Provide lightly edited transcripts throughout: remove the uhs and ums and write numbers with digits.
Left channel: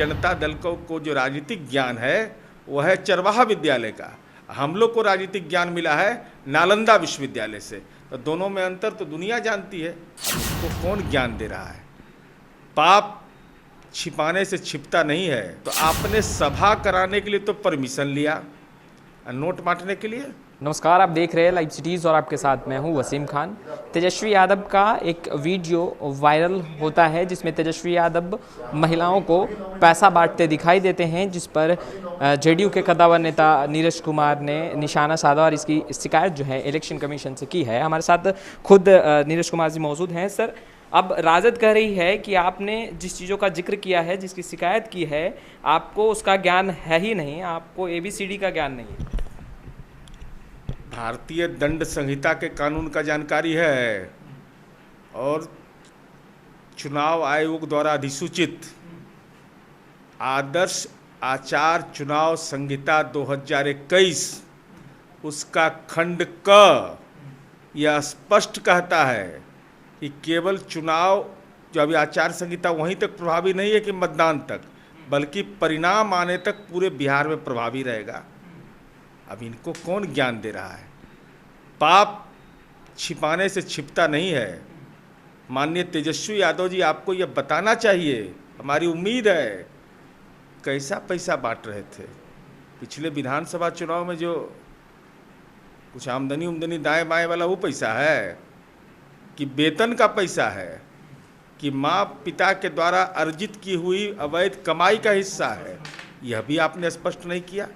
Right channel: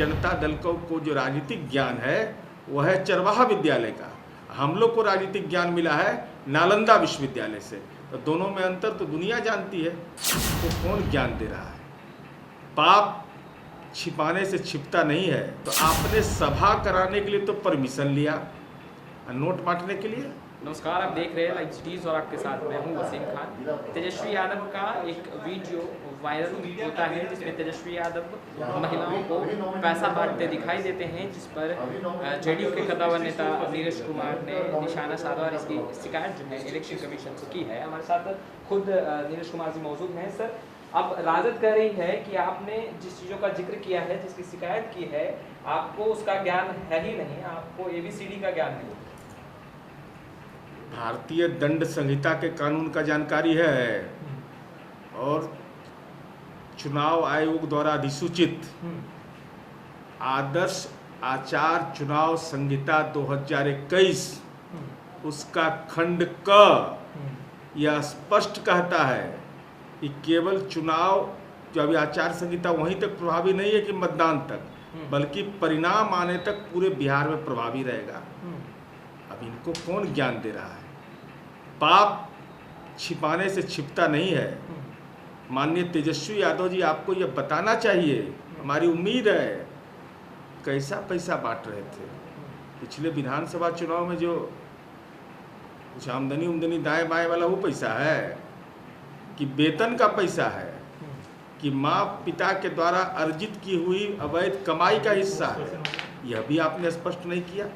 जनता दल को जो राजनीतिक ज्ञान है वह है चरवाहा विद्यालय का। हम लोग को राजनीतिक ज्ञान मिला है नालंदा विश्वविद्यालय से। तो दोनों में अंतर तो दुनिया जानती है। तो कौन ज्ञान दे रहा है? पाप छिपाने से छिपता नहीं है। तो आपने सभा कराने के लिए तो परमिशन लिया, नोट बांटने के लिए। नमस्कार, आप देख रहे हैं लाइव सिटीज़ और आपके साथ मैं हूं वसीम खान। तेजस्वी यादव का एक वीडियो वायरल होता है जिसमें तेजस्वी यादव महिलाओं को पैसा बांटते दिखाई देते हैं, जिस पर जेडीयू के कद्दावर नेता नीरज कुमार ने निशाना साधा और इसकी शिकायत जो है इलेक्शन कमीशन से की है। हमारे साथ खुद नीरज कुमार जी मौजूद हैं। सर, अब राजद कह रही है कि आपने जिस चीज़ों का जिक्र किया है, जिसकी शिकायत की है, आपको उसका ज्ञान है ही नहीं, आपको ABCD का ज्ञान नहीं। भारतीय दंड संहिता के कानून का जानकारी है और चुनाव आयोग द्वारा अधिसूचित आदर्श आचार चुनाव संहिता 2021 उसका खंड क यह स्पष्ट कहता है कि केवल चुनाव जो अभी आचार संहिता वहीं तक प्रभावी नहीं है कि मतदान तक, बल्कि परिणाम आने तक पूरे बिहार में प्रभावी रहेगा। अब इनको कौन ज्ञान दे रहा है? पाप छिपाने से छिपता नहीं है। माननीय तेजस्वी यादव जी, आपको यह बताना चाहिए, हमारी उम्मीद है। कैसा पैसा बांट रहे थे पिछले विधानसभा चुनाव में? जो कुछ आमदनी दाएं बाएं वाला वो पैसा है कि वेतन का पैसा है कि माँ पिता के द्वारा अर्जित की हुई अवैध कमाई का हिस्सा है? यह भी आपने स्पष्ट नहीं किया।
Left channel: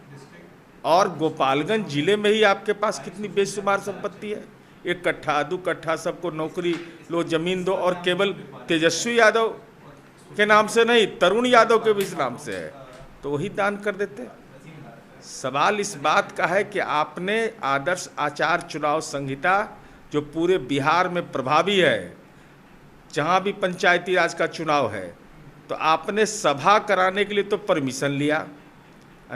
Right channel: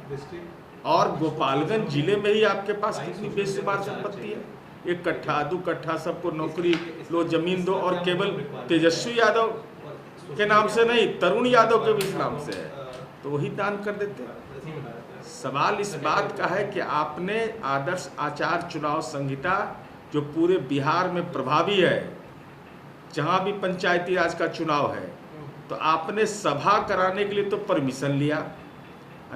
और गोपालगंज जिले में ही आपके पास कितनी बेशुमार संपत्ति है। 1 कट्ठा 2 कट्ठा सबको नौकरी लो, जमीन दो, और केवल तेजस्वी यादव के नाम से नहीं, तरुण यादव के भी इस नाम से है, तो वही दान कर देते। सवाल इस बात का है कि आपने आदर्श आचार चुनाव संहिता जो पूरे बिहार में प्रभावी है, जहाँ भी पंचायती राज का चुनाव है, तो आपने सभा कराने के लिए तो परमिशन लिया,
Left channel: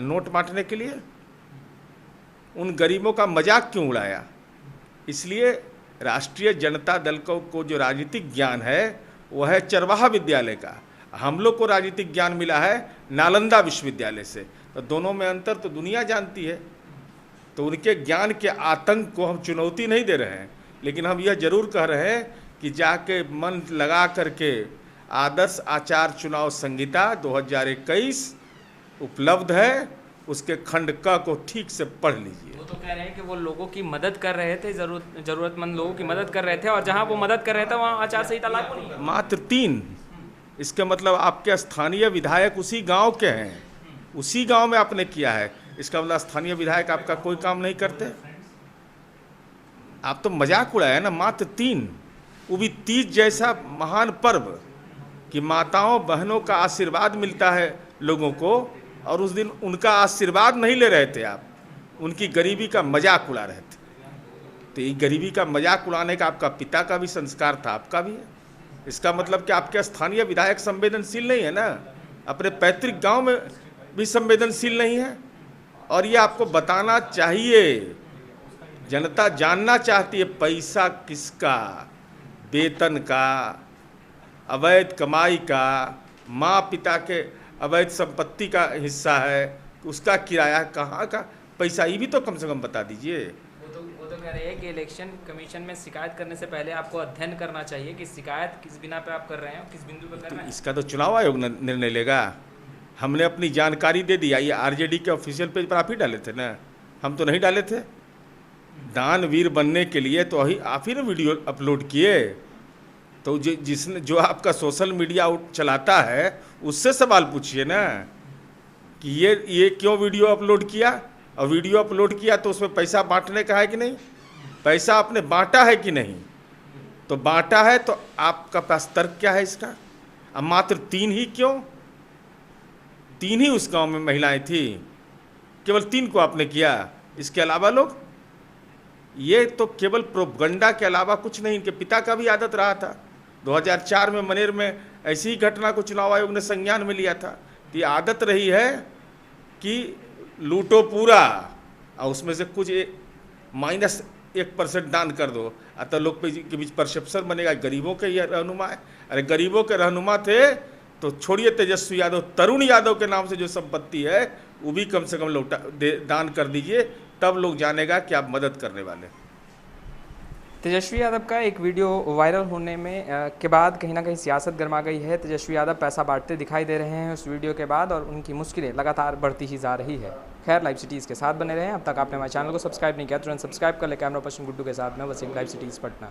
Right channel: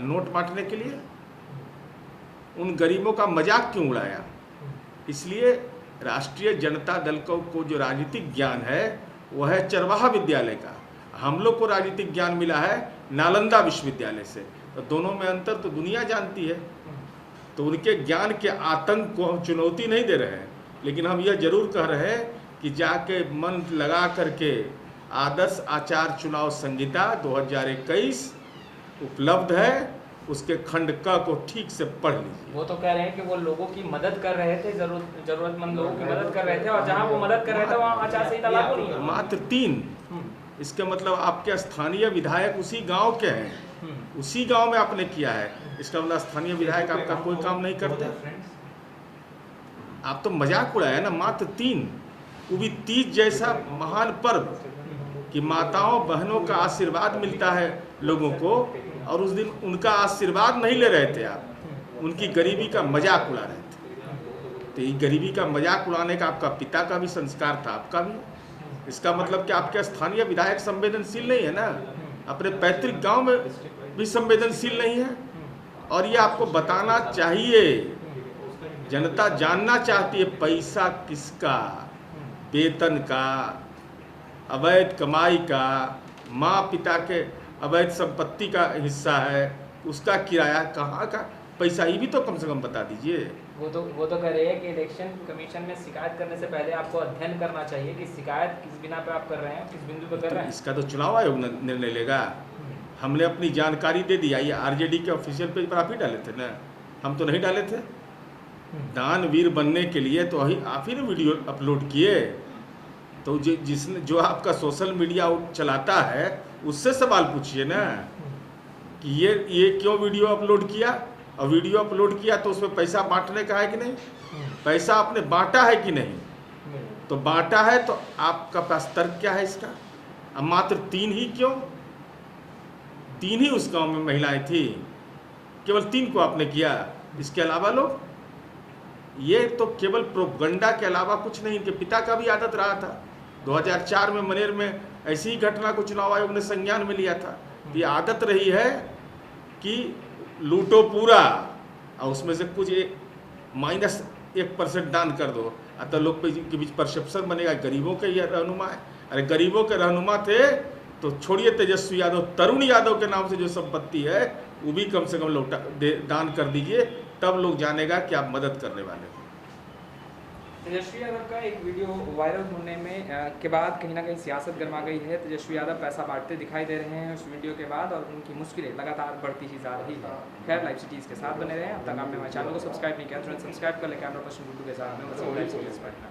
नोट बांटने के लिए। उन गरीबों का मजाक क्यों उड़ाया? इसलिए राष्ट्रीय जनता दल को जो राजनीतिक ज्ञान है वह है चरवाहा विद्यालय का। हम लोग को राजनीतिक ज्ञान मिला है नालंदा विश्वविद्यालय से। तो दोनों में अंतर तो दुनिया जानती है। तो उनके ज्ञान के आतंक को हम चुनौती नहीं दे रहे हैं, लेकिन हम यह जरूर कह रहे हैं कि जाके मन लगा करके आदर्श आचार चुनाव संहिता 2021 उपलब्ध है, उसके खंड क को ठीक से पढ़ लीजिए। वो तो कह रहे हैं कि वो लोगों की मदद कर रहे थे, जरूरतमंद लोगों की मदद कर रहे थे, और जहां वो मदद कर रहे थे वहां आचार संहिता लागू नहीं है। मात्र 3। इसके मतलब आपके स्थानीय विधायक उसी गांव के हैं, उसी गांव में आपने किया है। इसका मतलब स्थानीय विधायक आपका कोई काम नहीं करते? आप तो मजाक उड़ाया ना। मात्र 3, वो भी तीज जैसा महान पर्व कि माताओं बहनों का आशीर्वाद मिलता है लोगों को, और उस दिन उनका आशीर्वाद नहीं ले रहे थे आप, उनकी गरीबी का मजाक उड़ा रहे थे। तो ये गरीबी का मजाक उड़ाने का आपका पिता का भी संस्कार था, आपका भी है। इसका मतलब कि आपके स्थानीय विधायक संवेदनशील नहीं है ना, अपने पैतृक गांव में भी संवेदनशील नहीं है। और ये आपको बताना चाहिए, जनता जानना चाहती है पैसा किसका, वेतन का, अवैध कमाई का, माँ पिता के अवैध संपत्ति का हिस्सा है, उसका किराया, कहाँ का पैसा, ये भी तो कम से कम बता दीजिए। वो तो कह रहे हैं कि इलेक्शन कमीशन में शिकायत करने से पहले आपको अध्ययन करना चाहिए कि शिकायत किस बिना पे आप कर रहे हैं, किस बिंदु पे कर रहे हैं। इसका तो चुनाव आयोग निर्णय लेगा। हमने अपनी जानकारी दे दी। ये RJD के ऑफिशियल पेज पर आप ही डाले थे ना, हम तो नहीं डाले थे। दानवीर बनने के लिए तो आप ही ने वीडियो अपलोड किए। तो जिसने जो आपका सोशल मीडिया चलाता है उससे सवाल पूछिए ना कि ये क्यों वीडियो अपलोड किया, और वीडियो अपलोड किया तो उसमें पैसा बांटने का है कि नहीं, पैसा आपने बांटा है कि नहीं। तो बांटा है तो आपका पास तर्क क्या है इसका? अब मात्र 3 ही क्यों? 3 ही उस गांव में महिलाएं थी, केवल 3 को आपने किया। इसके अलावा लोग, ये तो केवल प्रोपगंडा के अलावा कुछ नहीं। इनके पिता का भी आदत रहा था। 2004 में मनेर में ऐसी ही घटना को चुनाव आयोग ने संज्ञान में लिया था। ये आदत रही है कि लूटो पूरा और उसमें से कुछ -1% दान कर दो, तो लोग के बीच परसेप्शन बनेगा गरीबों के ये रहनुमा है। अरे गरीबों के रहनुमा थे तो छोड़िए तेजस्वी यादव, तरुण यादव के नाम से जो संपत्ति है वो भी कम से कम दान कर दीजिए, तब लोग जानेगा कि आप मदद करने वाले हैं। तेजस्वी यादव का एक वीडियो वायरल होने में के बाद कहीं ना कहीं सियासत गर्मा गई है। तेजस्वी यादव पैसा बांटते दिखाई दे रहे हैं उस वीडियो के बाद, और उनकी मुश्किलें लगातार बढ़ती ही जा रही है। खैर, लाइव सिटीज़ के साथ बने रहें। अब तक आपने हमारे चैनल को सब्सक्राइब नहीं किया, तुरंत सब्सक्राइब कर ले। कैमरा पर्सन गुड्डू के साथ मैं वसीम, लाइव सिटीज़ पटना।